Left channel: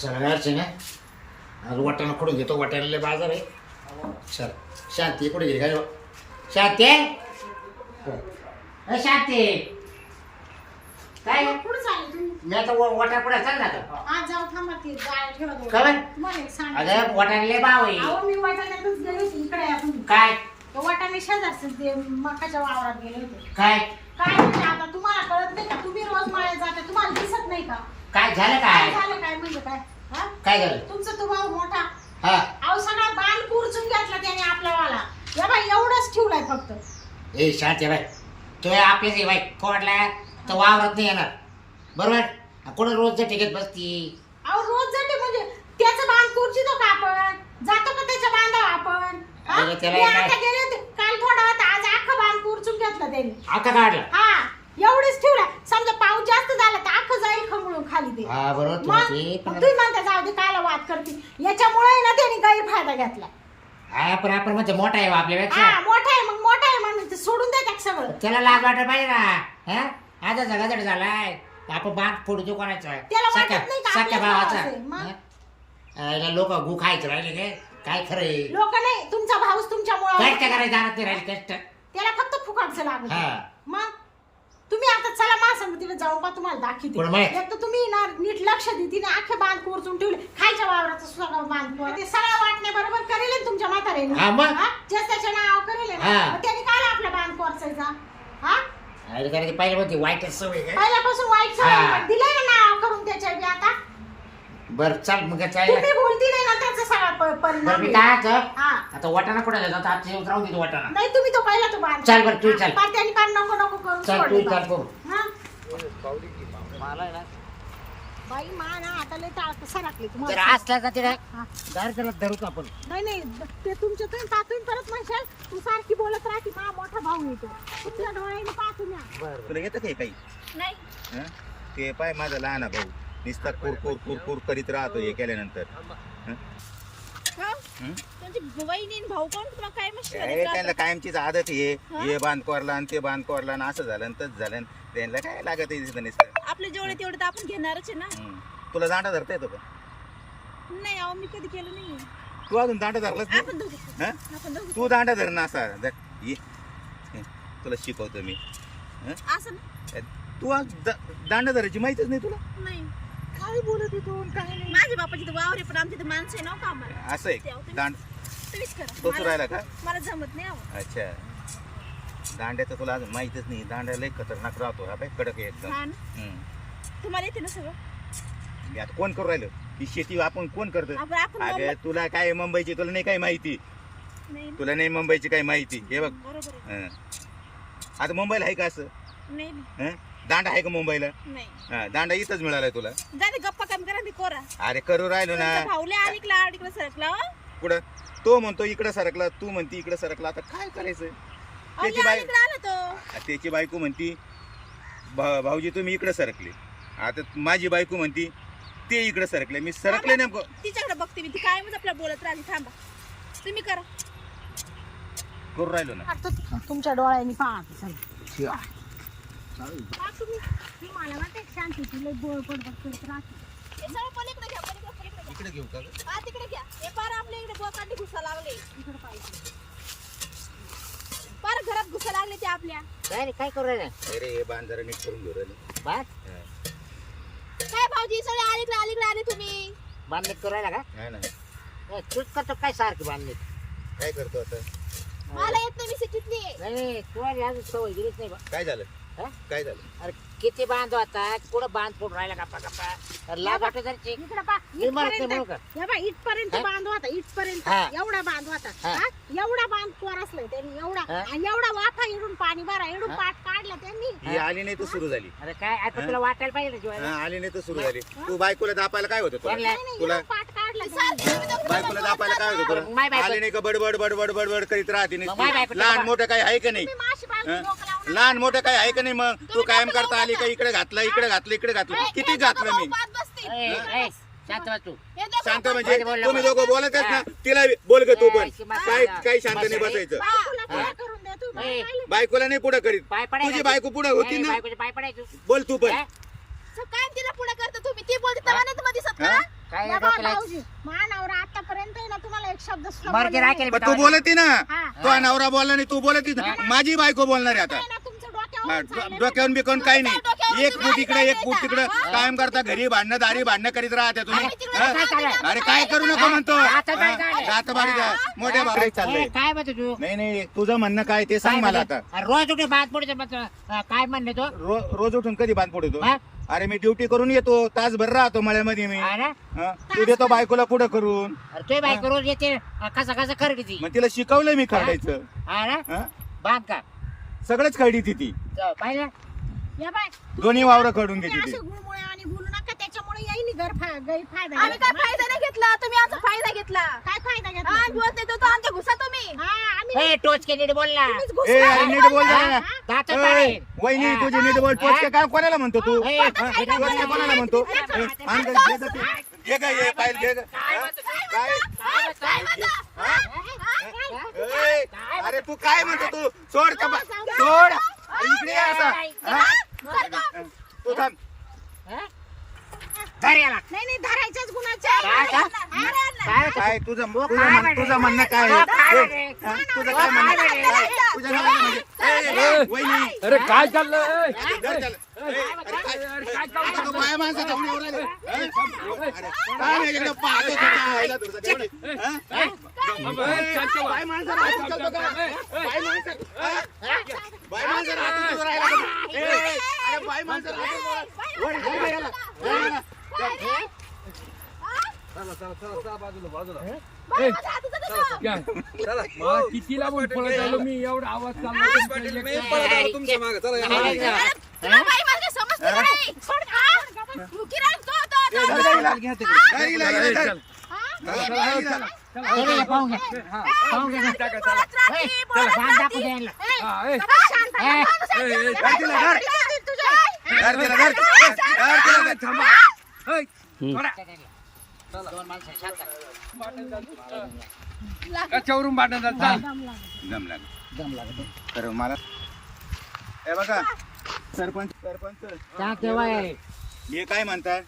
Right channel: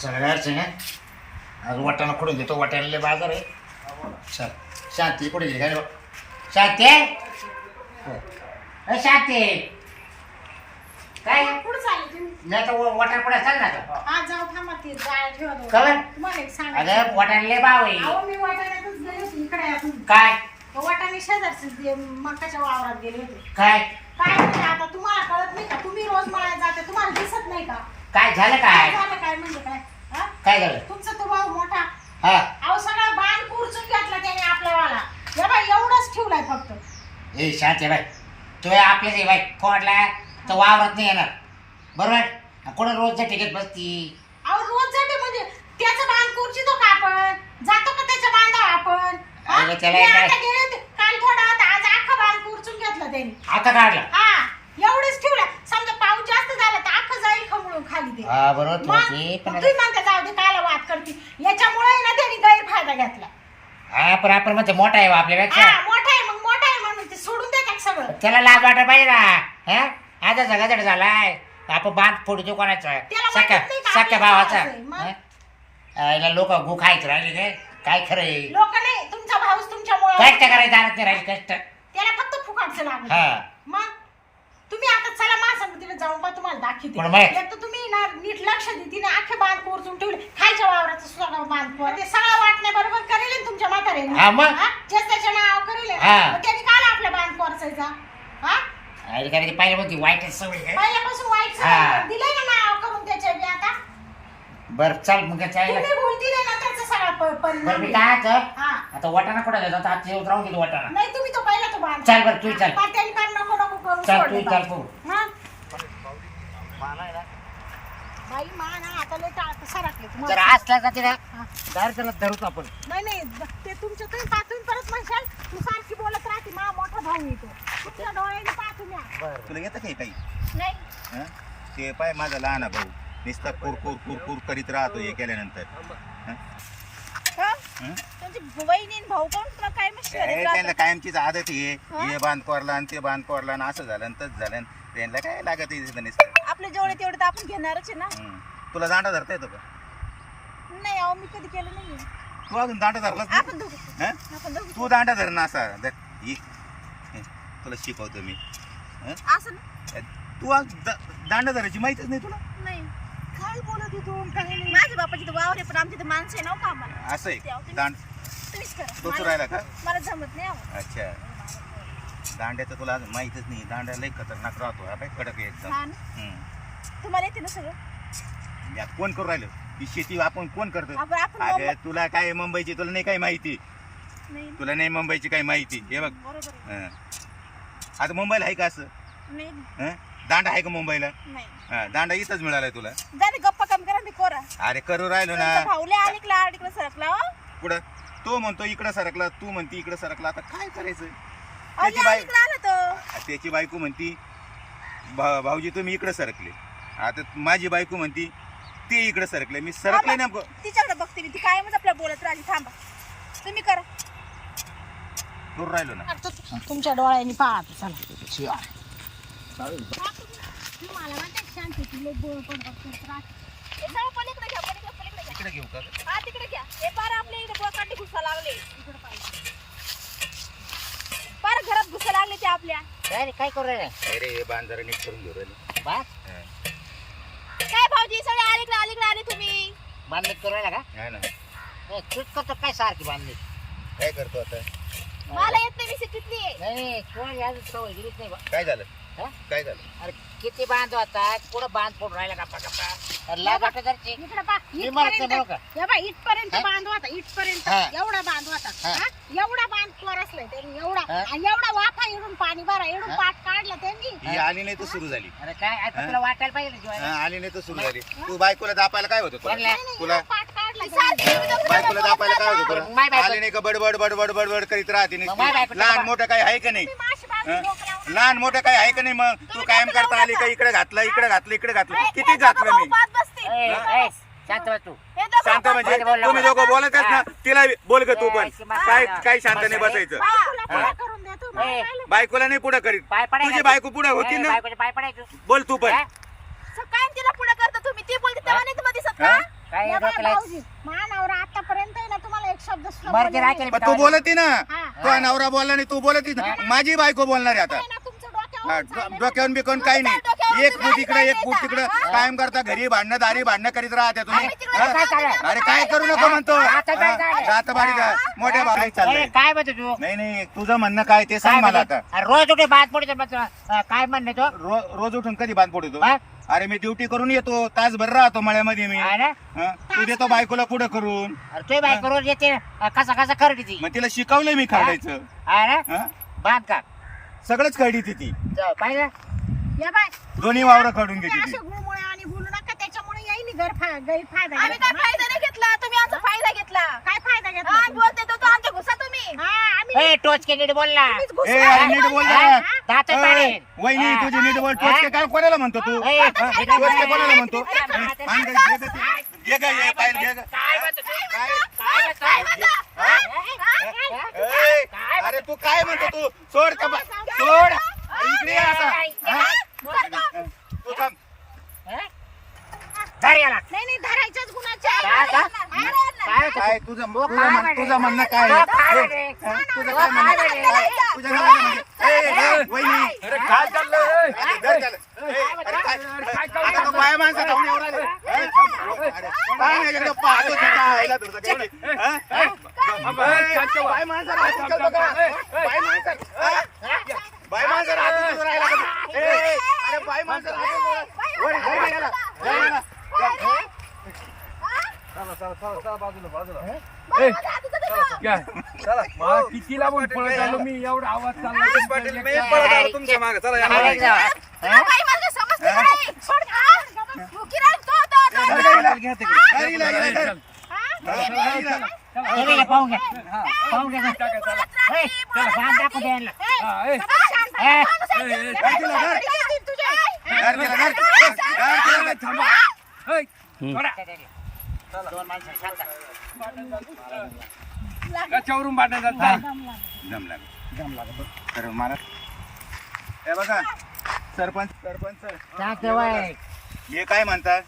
चला जायचं ना आज वाटाणा खोडून घेतो वाटाण्याला बाजार आहे. चल शांती कुठे गेली? काय शांती अ, शांती काय कुठं चालले तुम्ही? मी आता वाटाणा कुठे चाल ना आता. आज जाऊ थांबा ते ठेवत होते. तुम्हाला एक सांग अगं वाटाणले भाव आहे. अहो मी वाटाण्यातच गेले होते इकडे तुम्ही. काय? वाटाणे शेजारचे ते मकाच्या वावरात गेले होते. काय? काय म्हणजे आता तुम्हाला कळत नाही का? तुम्ही रोज मळ्यात जाते तुम्हाला दिसत नाही का? काय झालं काय? काय झालं काय म्हणजे काय? हा? काय झालं? तुमचा तो भाऊ मोठा. हा. अहो सगळा बाण कुरचून घेतला त्याने वाला. बाई एवढंच ठेवलाय फक्त. ए शांती बाई. तो आपल्याच बाई. फोडला तर वावरात नाही येणार. बरोबर? कोण रोजच्या टिकीत बसती? अहो रोज जाते म्हणजे त्याचं बांध कुरचितो का आपण? जातो का त्याच्या आपण? हा? अरे त्याला मी काय- आता गेले होते. काल थोडा होता. आज अख्खा बांध कुरचून घेतला त्याने. आता काढला? हा. एवढेच ठेवला समजा पाऊस जास्त झाला तर अख्खं खाली हा बरोबर मग म्हणते, पण मग तुम्ही म्हणता जाऊ दे काला वाद करते. याच्यामुळे ना त्यांनी गैरफायदा घेतला. हा पण आपण म्हणते मोठा आहे बा आपल्यापेक्षा. मोठा आहे मग मोठा आहे म्हणून ते सोडून देतात सगळं. त्याला लाज वाटत पाहिजे ना. हा? आता जगाजड झालाय. आपण बांध फोडतो कोणाचा? त्याला वाटत सख्या नाही का सख्या आपल्या भावाचा? भावाचं आहे, मग? हा? याला लोक गु खायचं राहिले काय? काय खरं आहे? लोक नाही तुमचा भाऊच तुमच्यामुळे कष्ट करायचं नाही. राहिले कष्ट. त्याला फक्त फुकाटचं लागत हा. मग? तुम्ही आता चला मा तिथे जाऊन पा तुम्हाला दाखवते पण मग? एक तर तुम्ही ना नीट लक्ष दे तिने अख्खे बांध कोरचून ठेवले खालच्या वावराचं सुद्धा बांध कोर ते सगळं वाटण्या बरोबर करेल ना तुमच्या म्हाताऱ्याने हा, मग? जेच त्याच्या नाव करेल ना. हा. मग त्याने काला आपला बांध कोरचायचा हा अरे कारण की पहिलं म्हणते वाईट सवय काय पहिल्यापासून वाईट हा. सवय दिलंय ना नाव करून त्याच्या बी आता बर चल मग चालला तुम्ही बोलती नाही ना त्याचा सगळा प- बरं परिणाम मी. आहे. काय आता हा. आता वाटाणा कुठे जातो आता येऊन राहून देतो वाटाणा. नाही तुम्ही तो पहिला तो बांध. चल बरं, तू चल. कान नको नको करून चल, सोडले तू चल, बांध. तू. मग? बाई मा ना आता लय टाळत सरकले जर तुम्हाला असला जाते ना हा. तर त्याला धरूच आपण. नाही नाही ब- ते तुमच्या तुम्ही पाहतून परत म्हणशाल? तू सारखी बोलत राहते मा मोठा भाऊ येतो तुमच्या डोळ्याने या तुला येतं काही काही? नाही. हं? ते पाय माझा लहान भाऊ. नुसता कुर कुर कुर कुर करीत राहतो हे केल्यानंतर हं? हं? आणि भाऊ कोण काय मशी त्यांना कायमचीच आदत आहे हं? हे बांध कोरला आणि ते बांध कोरला आणि असं झालं आणि तसं झालं आणि त्यांना काय लागत आहे तिथं नुसतं आपले जेवढे तेवढे तर आपण घेणारच आहे ना हं. तुला दांडा धरता येतो का नाही अहो मी कधी केलं नाही तू अजून दांडा धरलाच नाही? आपण दोघे हं? आपण दोघे तू दांडा धर ना असा धर. ये हे, तुला शिकवतो मी? असं ना? तू आज दा- दांडा धरायची माहितीच नाही तुला नाही काय बोलत होतो काय नाही? माझ्या बापाची तर वावर आहे पण आमची तर माणसं आहे ना हो कामाला असं आहे? तुम्ही- दांड तुम्हीच करा. का? मला जमत नाही अहो अच्छा. दांड्याचं तुला अजून माहितच नाही. दांड्या लय खतरनाक राहतो हा बाई कडक आहे एकदम. हा ना? हम्म. तुम्हाला येते ना सगळं? मी आता कोण करू राहिलो? ही शेती आपण कोण करतो आपण आपण अगं मुंबई- तुला काय मुंबईची तुला नाही काही माहिती. नाही तुला नाही मुंबईची काही माहिती. हे बघ. बरोबर आहे. हं. आता मुंबईला आहे का असं? नाही नाही, हं? दांडा आहे का मुंबईला? नाही. हं, दांडा इथंच मिळालाय तुला. जा ते गप्पा कमी करा ते कोरा. अरे करू राहिलो ना. सरकला हो. पुढं तो म्हणतो इकडं सरकला तू म्हणती इकडं सरकला. आता काय करायचं? अहो, त्याची आला तो. त्याची बायको म्हणती भा- भाऊजी तुम्ही इकडं सरकले. आता माझी बायको म्हणती ते इकडं सरकले. मी सरकले नेमकं. तिच्याकडे बघते मी ती कायमच आपल्या बोलत राहिली थांबा. तुम्ही करा. करू राहिलो ना. तुमच्या डोळ्याने पाहते चला. हा, तुम्ही तुम्ही मला ना शांती लय बोळ पडपड करत राहते हे सगळं पलीकडे घ्या पलीकडे पलीकडे घ्या इकडे घेऊ का ग? हा तिकडे घ्या हे पार आपल्या इकडे बोकांडी घुसा लागले इकडे पाहिजे पार घरात घुसा लागले ते आपल्या काय रे, काय करू राहिला? अरे हे बाण जरा नीट करून घेऊ राहिलो. बांध हं. काय भाऊजी सगळे अलीकडे अलीकडे आले तुम्ही? बांधणी करू राहिला हा ना. का तूच करतो काय सारखी बांधणी काय करतो आता? मला येत नाही मी सिटीतली. आहे. नाही अजून सवय गेलीच नाही बा. काय झालं? हा? काय झालं अरे किती बांध आता कुठं बांध फोडून राहिला गप्पा गप्पा अरे लाज वाटत जरची इकडे पा मी मरत नाही म्हणू का या बाई इथपर्यंत हा? बांध होता इथपर्यंत हा. एवढा बांध होता हा. हा? एवढा बांध कोरसलाय त्यांनी एवढा हा? आणि एवढा वाफा इडून पाणी भरा इडून हा? पाठ काढला त्यांनी ही आली नाही तर सुरू झाली अरे काय आता हा? तुला वाटायला पाहिजे ना हा, जीवाला आली नाही तर सुरू झाली तू बायकोला दापायला काय होतं तुला कोणला? नाही, नाही, तुला एवढा पाठ काढला त्यांनी. बायकोला दापायला काय होतं मग माय तुला बायको- आली नाही का बडबड बडबड बडबड करीत राहते मग माय नुसती. बायको- लहान मोठं काही आहे का नाही तुम्ही माशी हं? लहान मोठं काही आहे का नाही मग? तू कायम करता आली का इकडे घातलं इकडे घातलं इकडे घातलं. किती घातलं मी? शांत बस तू. दोघं शांत पाच म्हणजे तुम्ही. दोघं बोलतच ना तिला बोल ग तू पण. काय. काय शांत नाही. बसायचं बायकोला. ए. नाही पुढे करीत. पाय तुझी बायको पुढे होती ना? बायकोचे पाय पडायचो. बोल तू पण? काय तिला पुढे करता तुम्ही? ती बोलते तेव्हा नाही तुम्हाला दिसत हा? का काय या बा, डोक्याला भाऊजी मानावर आतापर्यंत आहे ना तुम्हाला एक शब्द सुद्धा मर्जी बोलला राखेल पण तू बोलती ना? हा. तो नवरा बोलला नाही तू बोलती ना. माझी बायको बोलणार आहे आता नाही ना, तुमचं डोक्यावर हा, डो- डोक्यावरून बिकून काही नाही. एक फूट इकडे एक फूट तिकडे. कायम करता घरी भांडणं दारी भांडणं करीत राहते तुम्ही. हा? अरे काय करू नको म्हणतो. आता काय चाललंय? जात बाडी मोठ्या ए, चाललंय. काय म्हणतो तू? नाही नाही तुझं म्हणणं काय ते काय सांग मला म्हणतो? आता. अरे रोज उठे बाद पडतो मग, अं, काय म्हणणे तो? रो- रोज उठून कधी बांध पडतो हा? अरे मी ड्युटी करून येतो. तासभर राहतो मळ्यामध्ये मी. हा ना? हा? तू देतो बायकोला पुढे करून? अरे तुझी बायको रोज येते. अं, कसा कसा करते ती? मग तिला शिकवलंय मी हा? ना? हा? बांध का सगळंच खरडी ती पाहिलं या बाय दोन्ही वावरं काढून घेते ती गुळमुळे आणि बोलू नका त्याच्यामुळे येईल गैरफायदा आम्ही काय. फायदा नाही घेतला तुम्ही आमचा फायदा घेतला काय फायदा घेतला हा? बोलते तो तो आमच्या घुसा तुम्ही हा आम्ही ए टोच के नीट बोल ना तुम्हीच ए घुसला. अरे नीट बोल हा? जरा. दात ए, पाडेल. वहिनी हा. तुझी नीट बोल हा? टोचके काय कोणाला म्हणतो तू ए, हा? काय टोचके कोणाला म्हणतो काय ए, आण गं, घे गं ते. घे गं, हे पाहिलं, घे गं. काय म्हणतो? काय? काय म्हणतो? अरे तू काय म्हणतो तू? सोड का बा- सोड. इकडे ये आता. हा? तू थांब? धर याला. नाही नाही धरायच्याच गुणाच्या काय का? काय होतं? काय तुझं काय तुझं म्हण-? तुझं म्हणणं काय तुझं काय आहे? म्हणे? हा? तुझं तुझं काय काय म्हणणं म्हणे? तुझ्या नवऱ्याला म्हणजे ए, ए, वहिनी अरे काय चाललंय ए? धर त्याला. ए, अरे, काय अरे, तो बाया माणसाचा उडी उडाली. अरे, अरे, काय नाही इकडं पाहतो स्वतः आईला धरतो का एवढी? हा? थांब, ए, शांत व्हा. बाय माणसाला हात उचलतो का? बाय माणसाला- हा? बाय माणसाला हात उचलून राहिला का? ए, ए, अरे, बाय माणसाला हात उचलून राहिला. वर, धर याला, धर याला. चला चला चला चला बाजूला बाजूला. ए. मा, किती लांबून पळत आलो मी? एवढा आवाज चालला तुमचा एक- पळत तुमच्या मागे. चला तुला समजते का नाही? सोड, तो, तो, तो. अरे, पाहून घ्या. पाहून घ्या. ए, दाखवू द्या यांना. शांत ए, ए, ए. तुझ्या. धर. थांबा. दोन माणसं. कशावरून दम लागतो तर मला हे बघा सरपंच सरपंच. हे काय म्हणतात.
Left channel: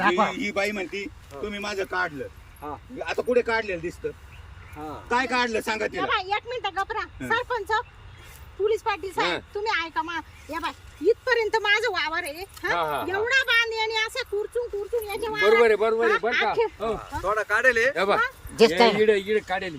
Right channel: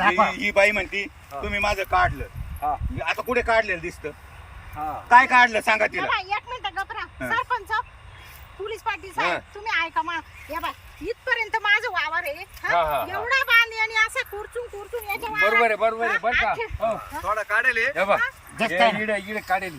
ही. ही बाई म्हणती तुम्ही माझं काढलं. हा. आता कुठे काढलेलं दिसतं? हा. काय काढलं? सांगा तिला. एक मिनिट गपरा. सरपंच पोलीस पाटील. साहेब तुम्ही ऐका मा या बाय इथपर्यंत माझं वावर आहे हा? हा, हा, हा. एवढा बांध आणि असं कुरचून कुरचून याच्या वावरात- बरोबर आहे बरोबर आहे हा, बरं का आखे- हो. थोडा काढेल हे. हे बघ दिसतंय ना. इडे इडे काढेल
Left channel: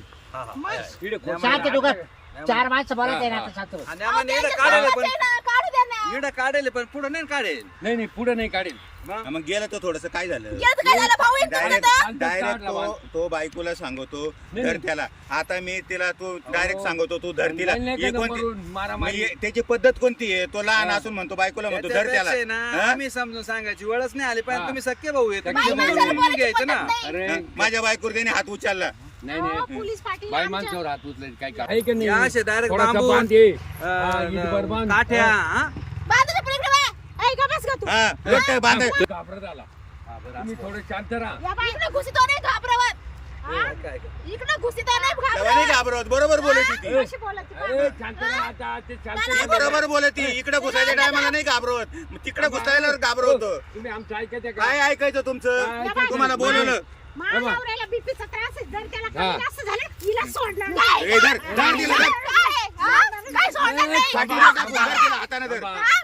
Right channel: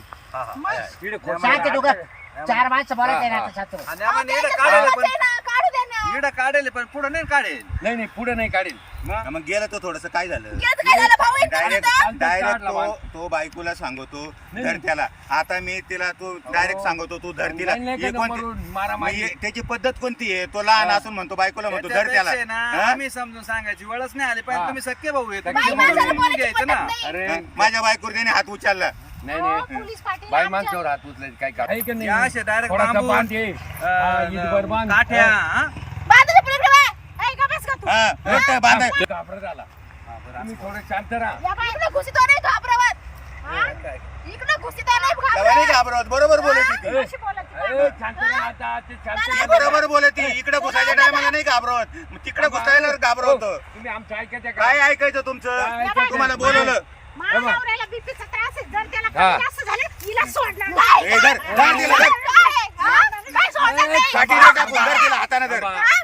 इडे खोट शांत तू गप. चार माणसं बोलत आहे ना आता शांत बस. आणि आम्हाला इडं काढेल पण काढू दे ना इडं काढेल पण पुढे नाही काढेल नाही नाही पुढे नाही काढेल मग मग गेलं तर थोडस काय झालं याचं काय झालं भाऊ एक डायरेक्ट डायरेक्ट काढला तो. तो बायकोला सांगतो नाही, धर नाही. त्याला आता मी तिला तू डायरेक्ट सांगतो तू धर तिला नाही, नाही हे का कोणती- मरून मारामारी. मग हे- त्याची पद्धत कोणती आहे तो लहान. असून म्हणतो बायकोला म्हणतो धर त्याला त्याच्यापेक्षा ना हा? आम्ही समजून सांगायची वेळच नाही आली पण हा. तुम्ही सख्खे भाऊ आहे तुम्ही सख्खे भाऊ आहे. समजून घ्यायचं ना अरे हा? माझ्या बायकोर त्याने हात उचलला नाही नाही पोलीस पाटील बाई आमच्या- माणसावर हात उचलायचे काय काय का या असे direct थोडासा बांबू, बांध ये. अं, हा, इथभर बांध. काठ्या हा. हा? बाजूला पुढे पुढे बाय. ऐ, गप बस गं तू. हा मोठं बांध हा, घाबरत आला तुम्ही थोडं शांत राहा. या बाई, इकडं घुसितो नाही घाबरवत. इकडं घुसितो नाही तेव्हा घाबरवत नाही घाबरत बरोबर ती बोलत आहे? ए, शांत राहा आता ते शांत ती राहा. बरोबर बोलती इकडे घुसायच्या टायमाला नाही. घाबरत मग तिकडे घुसायला घाबरवतो. तुम्ही आमचं ऐकायचं काय ऐकायचं काय तुमचं ऐकायचं? तुम्हाला बोलवलं. माझ्या नवऱ्याला बीपीचा त्रास आहे. जर त्याला हा. कमी जास्त झालं हिला सोडणार नाही. ए, धर धर तिला धर. काय सोडणार नाही? काठी नका टाकू, धर तिला हाताने धर. बाबा, हा,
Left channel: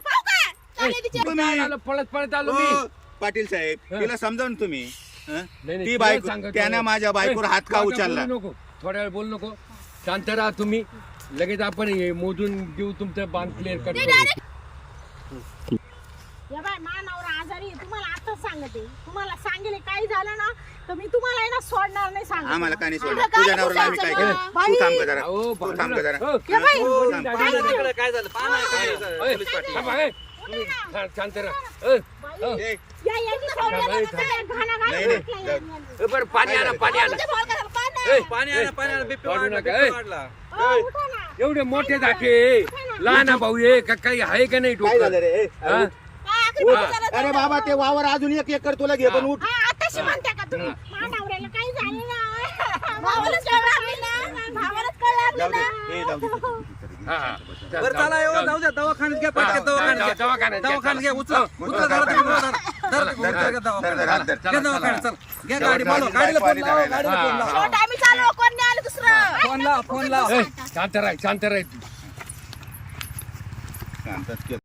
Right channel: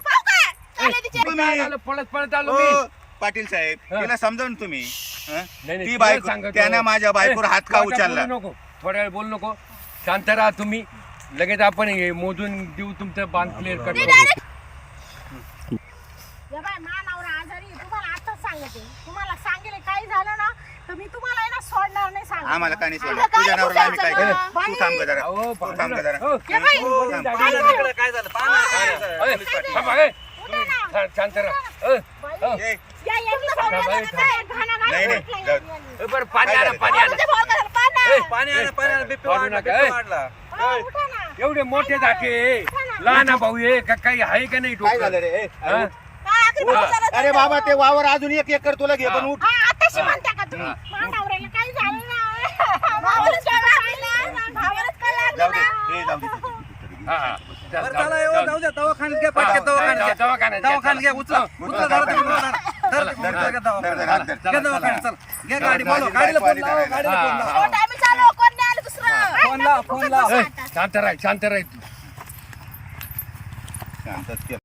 पळत पळत आलो मी पाटील साहेब. तिला समजावून तुम्ही हं? नाही, नाही, ती तुला बायको. त्याने माझ्या बायकोवर ए, हात का आता उचलला बोलू नको थोड्या वेळ बोलू नको शांत राहा तुम्ही लगेच आपण हे मोजून देऊ तुमचं बांध क्लिअर कट या बाय मा नवरा आजारी आहे. तुम्हाला आताच सांगते तुम्हाला सांगेल काही झालं ना तर मी तुम्हाला आहे ना सोडणार नाही सांगत आम्हाला काय नाही सोडलं काय तुझ्या नवऱ्याला आम्ही काय बोलायचं करू ना? तू थांब गं जरा अहो, तू थांब गं जरा हो. या बाई, हो, थांब. दाढी झाली. तिकडे काय झालं पाहा ना, काय झालं. ए, थांबा, ए. तुम्ही शांत राहा या सोडलं नाही, नाही, जाऊ. ए, बरं पाणी आणा पाणी आणा तुझ्या पाहा ना. पाणी आणा पाणी आणा वाढू नका, ए. वाढला उठा ना एवढे मोठे धाके लहान भाऊ आहे का काही आहे का नाही काय झालं डोकं रे ए, अरे हा? उठ. काय आखरी उठ. अरे बाबा ते वावर अजून एक एकर तुला घे पण उठ हा आताशी म्हणता का तुम्ही नवऱ्याला काही झालं भावालाच काय लागलं ना? भावालाच काय लागलं जाऊ दे. ना? ए, जाऊ दे हा, हा. बरं जाऊ- चला येऊ जाऊ- जाऊ द्या दवाखान्यात घ्या पटकन दवाखान्यात जाऊ- घ्या. दवाखान्यात घ्या, दवाखान्यात घ्या उचला. चला. उचला धरा तुम्ही धरा. धर, धर, घ्या दवाखान्यात. धर, धर, घ्या दवाखान्यात, चल. घ्या गाडी बोलव. गाडीला फोन लाव गाडीला फोन लाव. कोण आम्ही चालू कोण नाही आलं दुसरं? फोन लाव फोन लाव. ए, शांत राह शांत राह. तू शांतच केलं.